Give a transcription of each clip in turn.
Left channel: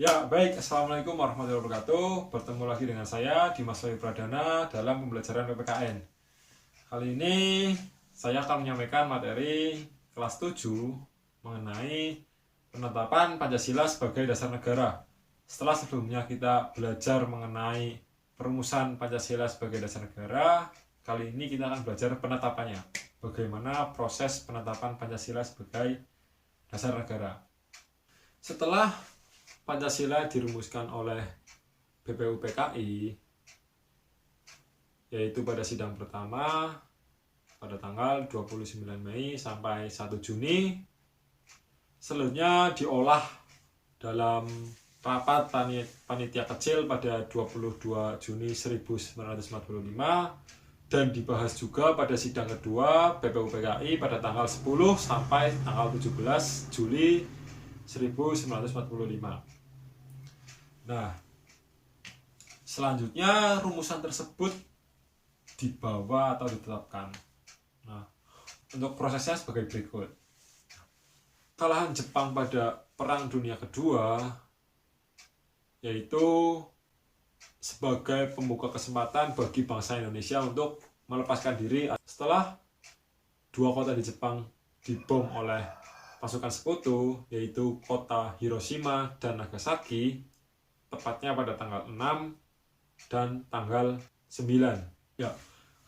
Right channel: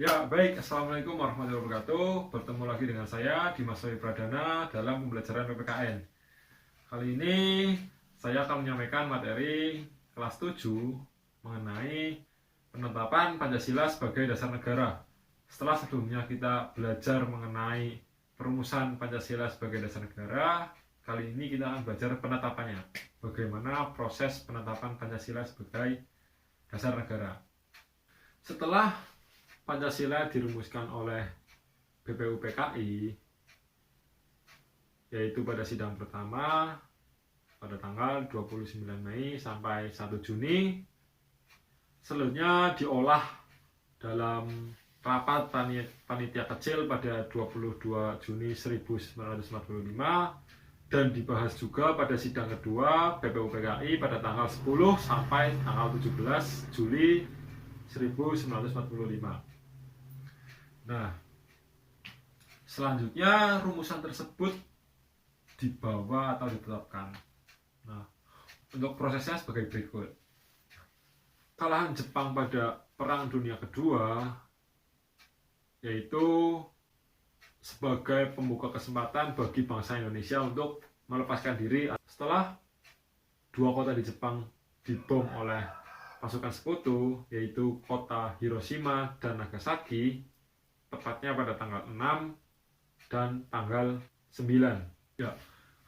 Ya, baik. Assalamualaikum warahmatullahi wabarakatuh. Bertemu lagi dengan saya, Dimas Wahyu Pradana, dalam pembelajaran PPKN. Kali ini saya akan menyampaikan materi kelas 7 mengenai penetapan Pancasila sebagai dasar negara. Setelah sebelumnya kita belajar mengenai perumusan Pancasila sebagai dasar negara, kali ini kita akan belajar penetapannya. Bagaimana proses penetapan Pancasila sebagai dasar negara. Setelah Pancasila dirumuskan oleh BPUPKI, yaitu pada sidang pertama pada tanggal 29 Mei sampai 1 Juni. Selanjutnya diolah dalam rapat panitia kecil pada 22 Juni 1945 dan dibahas juga pada sidang kedua BPUPKI pada tanggal 10 sampai tanggal 17 Juli 1945. Nah, selanjutnya rumusan tersebut dibawa atau ditetapkan. Nah, untuk prosesnya sebagai berikut. Kekalahan Jepang pada Perang Dunia Kedua yaitu sebagai pembuka kesempatan bagi bangsa Indonesia untuk melepaskan diri setelah dua kota di Jepang dibom oleh pasukan sekutu, yaitu kota Hiroshima dan Nagasaki, tepatnya pada tanggal 6 dan tanggal 9. Ya,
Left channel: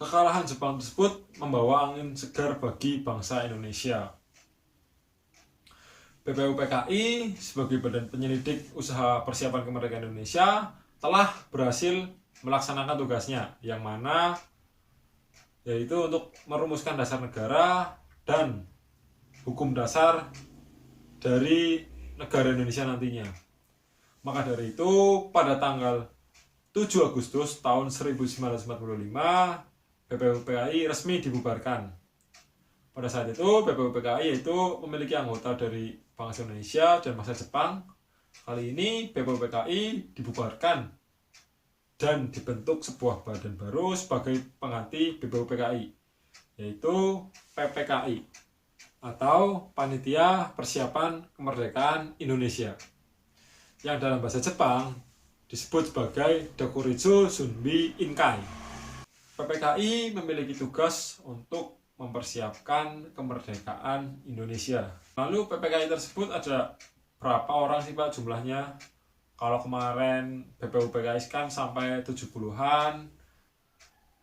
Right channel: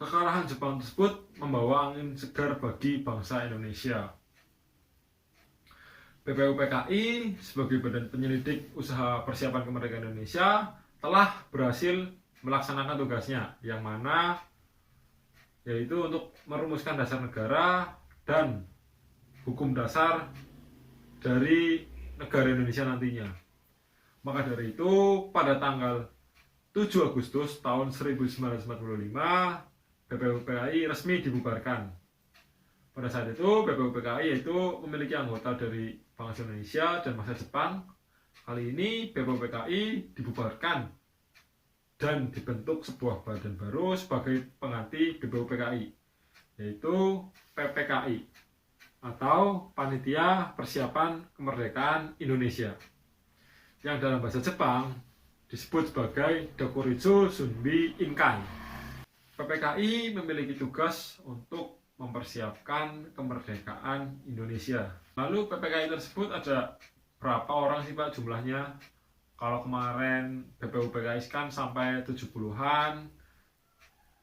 kekalahan Jepang tersebut membawa angin segar bagi bangsa Indonesia. BPUPKI sebagai badan penyelidik usaha persiapan kemerdekaan Indonesia telah berhasil melaksanakan tugasnya, yang mana yaitu untuk merumuskan dasar negara dan hukum dasar dari negara Indonesia nantinya. Maka dari itu, pada tanggal 7 Agustus tahun 1945, BPUPKI resmi dibubarkan. Pada saat itu, BPUPKI itu memiliki anggota dari bangsa Indonesia dan bangsa Jepang. Kali ini, BPUPKI dibubarkan dan dibentuk sebuah badan baru sebagai pengganti BPUPKI, yaitu PPKI, atau Panitia Persiapan Kemerdekaan Indonesia, yang dalam bahasa Jepang disebut sebagai Dokuritsu Shunbi Inkai. PPKI memiliki tugas untuk mempersiapkan kemerdekaan Indonesia. Lalu PPKI tersebut ada berapa orang sih Pak jumlahnya? Kalau kemarin BPUPKI kan sampai 70-an.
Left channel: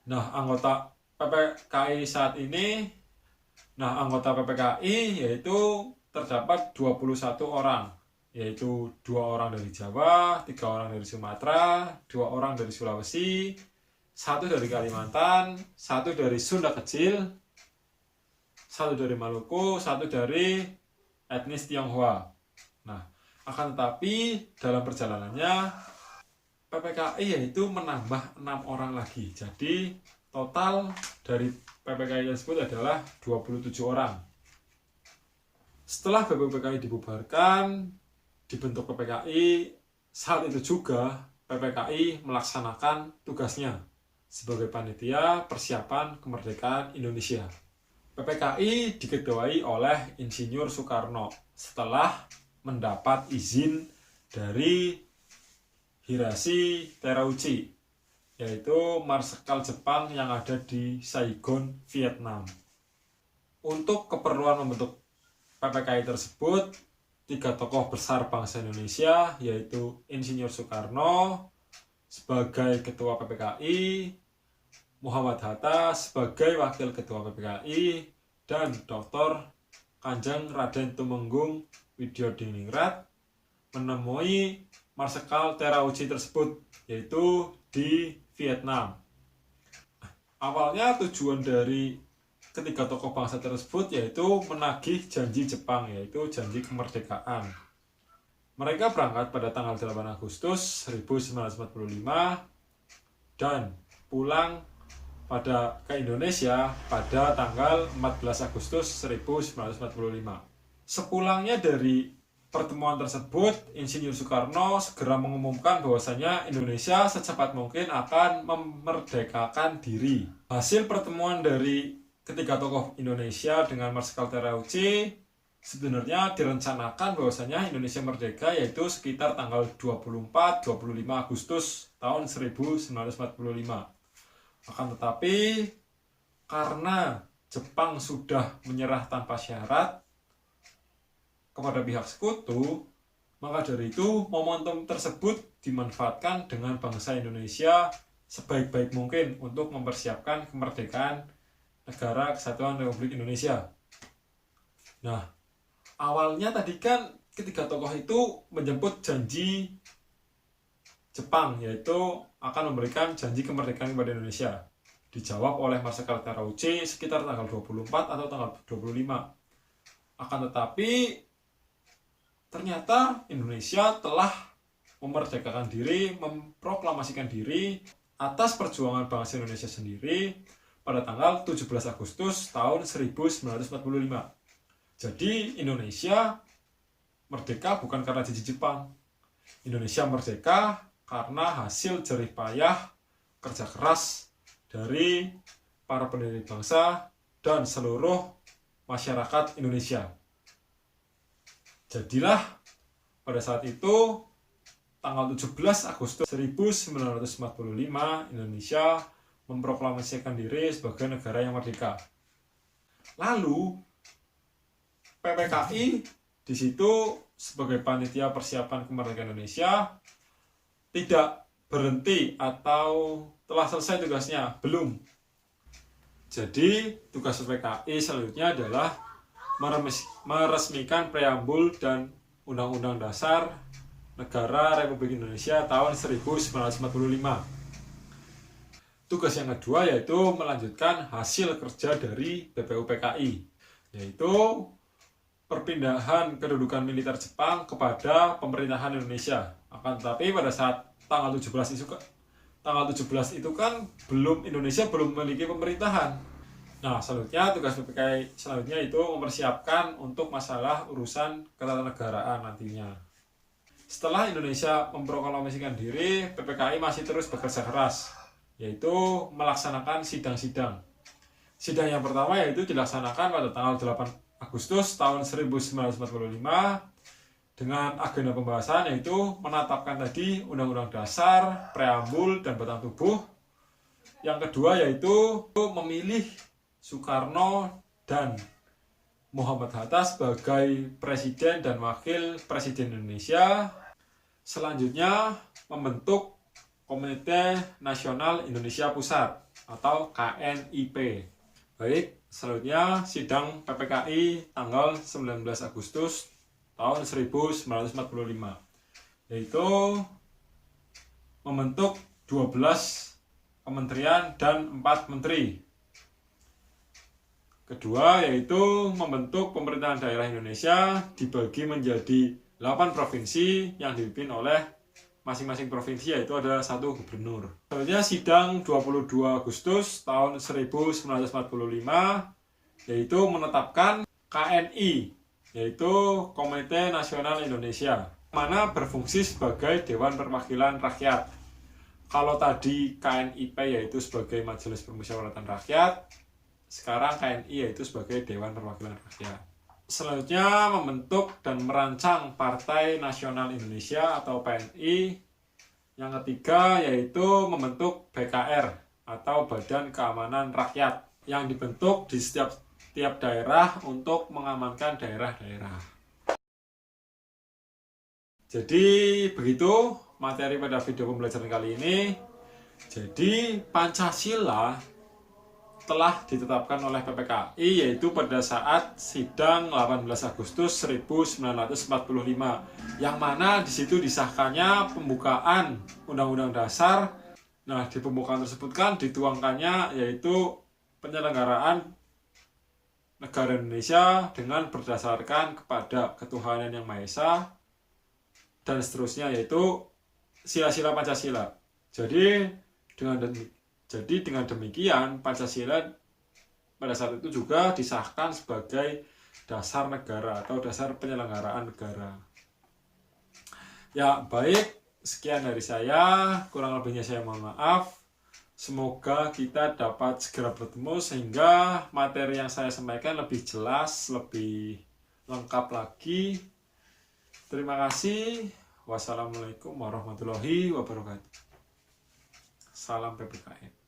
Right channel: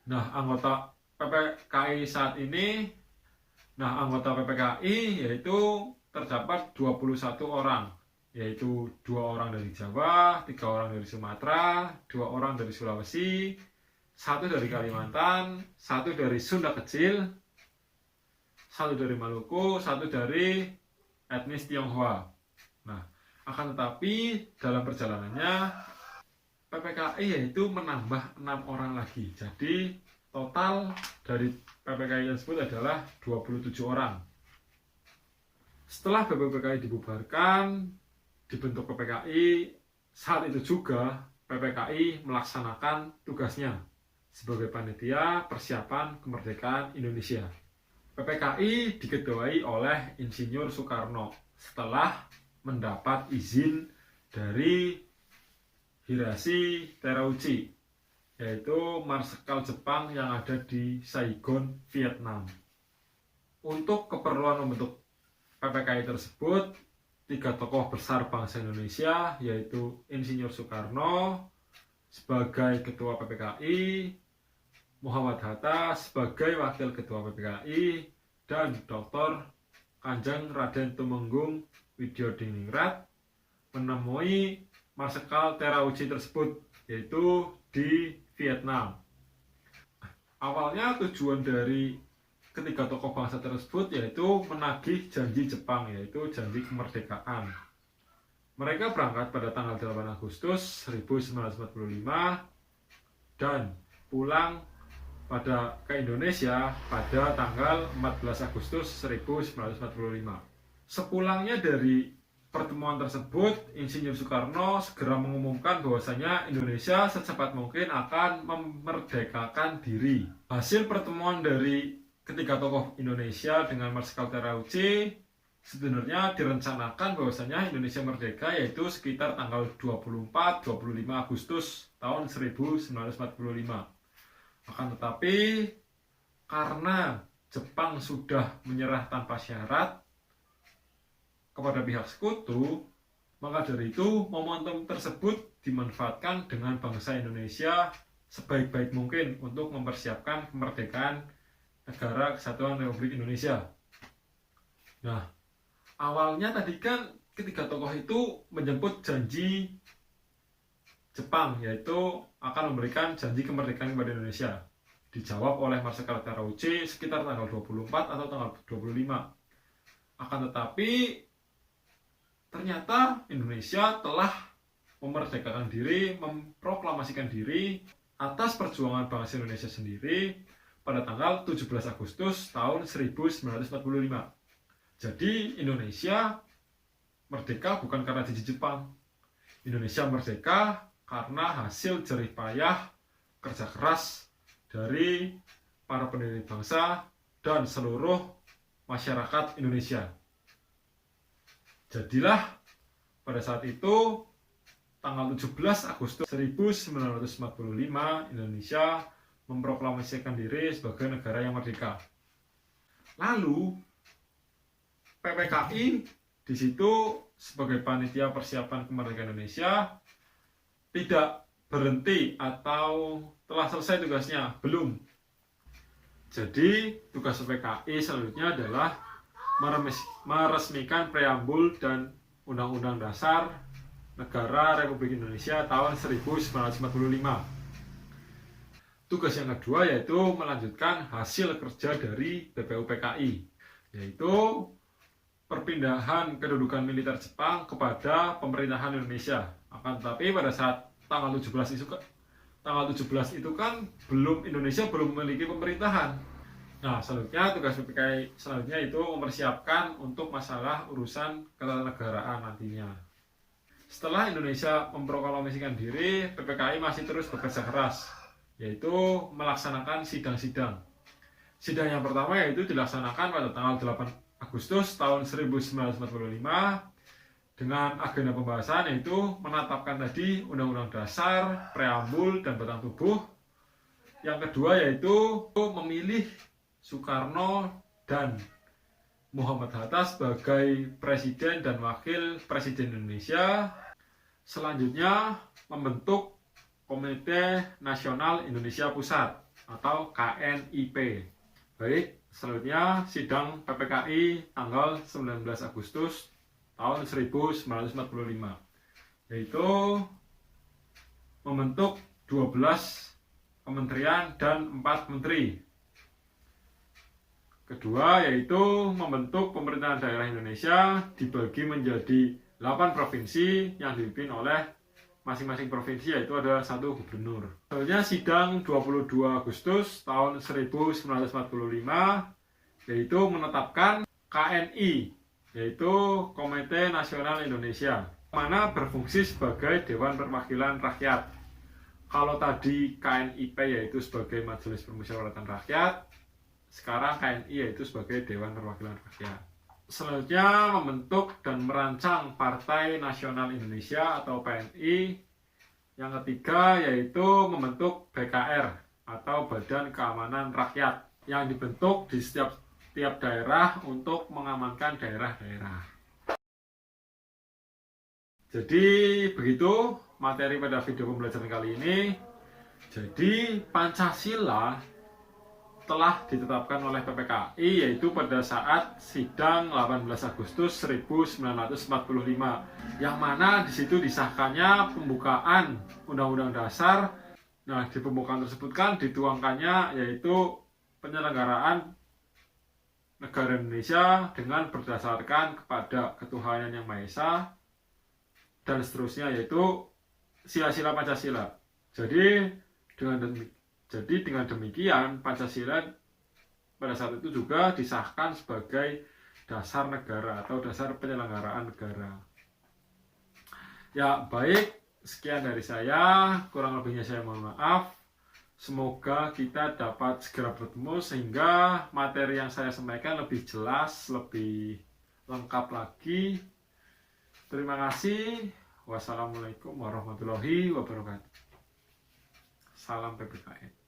Nah, anggota PPKI saat ini, anggota PPKI yaitu terdapat 21 orang, yaitu 2 orang dari Jawa, 3 orang dari Sumatera, 2 orang dari Sulawesi, 1 dari Kalimantan, 1 dari Sunda Kecil, 1 dari Maluku, 1 dari etnis Tionghoa. Nah, akan tetapi dalam perjalanannya PPKI yaitu menambah 6 orang lagi. Jadi total dari PPKI tersebut adalah 27 orang. Setelah BPUPKI dibubarkan, dibentuk PPKI, saat itu juga PPKI melaksanakan tugasnya sebagai panitia persiapan kemerdekaan Indonesia. PPKI diketuai oleh Insinyur Soekarno setelah mendapat izin dari Hiroshi Terauchi, yaitu marsekal Jepang yang ada di Saigon, Vietnam. Untuk keperluan membentuk PPKI tersebut, 3 tokoh besar bangsa Indonesia, yaitu Insinyur Soekarno sebagai ketua PPKI, Muhammad Hatta sebagai wakil ketua PPKI, dan Dr. Kanjeng Raden Tumenggung Widyodiningrat menemui marsekal Terauchi tersebut, yaitu di Vietnam. Awalnya tujuan dari ketiga tokoh bangsa tersebut yaitu menagih janji Jepang, yaitu janji kemerdekaan. Mereka berangkat pada tanggal 8 Agustus 1945 dan pulang ke Indonesia pada tanggal 14 Agustus 1945. Sepulangnya dari pertemuan tersebut, Insinyur Soekarno segera mengumumkan bahwasanya Indonesia secepat mungkin akan memerdekakan diri. Hasil pertemuan dari ketiga tokoh Indonesia dengan Marsekal Terauchi sebenarnya direncanakan bahwasanya Indonesia merdeka yaitu sekitar tanggal 24-25 Agustus tahun 1945. Akan tetapi karena Jepang sudah menyerah tanpa syarat kepada pihak sekutu, maka dari itu momentum tersebut dimanfaatkan dengan bangsa Indonesia sebaik-baik mungkin untuk mempersiapkan kemerdekaan Negara Kesatuan Republik Indonesia. Nah, awalnya tadi kan ketiga tokoh itu menjemput janji Jepang, yaitu akan memberikan janji kemerdekaan kepada Indonesia. Dijawab oleh Marsikal Terauchi sekitar tanggal 24 atau tanggal 25. Akan tetapi ternyata Indonesia telah memerdekakan diri, memproklamasikan diri atas perjuangan bangsa Indonesia sendiri pada tanggal 17 Agustus tahun 1945. Jadi Indonesia merdeka bukan karena janji Jepang. Indonesia merdeka karena hasil jerih payah kerja keras dari para pendiri bangsa dan seluruh masyarakat Indonesia. Jadilah pada saat itu tanggal 17 Agustus 1945 Indonesia memproklamasikan diri sebagai negara yang merdeka. Lalu PPKI di situ sebagai panitia persiapan kemerdekaan Indonesia tidak berhenti atau telah selesai tugasnya, belum. Jadi tugas PPKI selanjutnya adalah meresmikan preambul dan Undang-Undang Dasar Negara Republik Indonesia tahun 1945. Tugas yang kedua yaitu melanjutkan hasil kerja dari BPUPKI, yaitu perpindahan kedudukan militer Jepang kepada pemerintahan Indonesia. Akan tetapi pada saat tanggal 17 itu kan Indonesia belum memiliki pemerintahan. Nah, selanjutnya tugas PPKI selanjutnya itu mempersiapkan untuk masalah urusan ketatanegaraan nantinya. Setelah Indonesia memproklamasikan diri, PPKI masih terus bekerja keras, yaitu melaksanakan sidang-sidang. Sidang yang pertama yaitu dilaksanakan pada tanggal 8 Agustus tahun 1945 dengan agenda pembahasan yaitu menetapkan tadi Undang-Undang Dasar, Preambul, dan Batang Tubuh. Yang kedua yaitu memilih Soekarno dan Muhammad Hatta sebagai Presiden dan Wakil Presiden Indonesia. Selanjutnya membentuk Komite Nasional Indonesia Pusat atau KNIP. Baik, selanjutnya sidang PPKI tanggal 19 Agustus tahun 1945, yaitu membentuk 12 kementerian dan 4 menteri. Kedua yaitu membentuk pemerintahan daerah Indonesia dibagi menjadi 8 provinsi yang dipimpin oleh masing-masing provinsi, yaitu ada 1 gubernur. Selanjutnya sidang 22 Agustus tahun 1945 yaitu menetapkan KNI, yaitu Komite Nasional Indonesia, mana berfungsi sebagai Dewan Perwakilan Rakyat. Kalau tadi KNIP yaitu sebagai Majelis Permusyawaratan Rakyat, sekarang KNI yaitu sebagai Dewan Perwakilan Rakyat. Selanjutnya membentuk dan merancang Partai Nasional Indonesia atau PNI. Yang ketiga yaitu membentuk BKR atau Badan Keamanan Rakyat yang dibentuk di setiap daerah untuk mengamankan daerah-daerah. Jadi begitu materi pada video pembelajaran kali ini. Jadi Pancasila telah ditetapkan oleh PPKI yaitu pada saat sidang 18 Agustus 1945, yang mana di situ disahkannya pembukaan Undang-Undang Dasar. Nah, di pembukaan tersebut kan dituangkannya yaitu penyelenggaraan negara Indonesia dengan berdasarkan kepada ketuhanan yang Maha Esa dan seterusnya, yaitu sila-sila Pancasila. Jadi dengan demikian Pancasila pada saat itu juga disahkan sebagai dasar negara atau dasar penyelenggaraan negara. Ya, baik, sekian dari saya, kurang lebihnya saya mohon maaf. Semoga kita dapat segera bertemu sehingga materi yang saya sampaikan lebih jelas, lebih lengkap lagi. Terima kasih. Wassalamualaikum warahmatullahi wabarakatuh. Salam PPKN.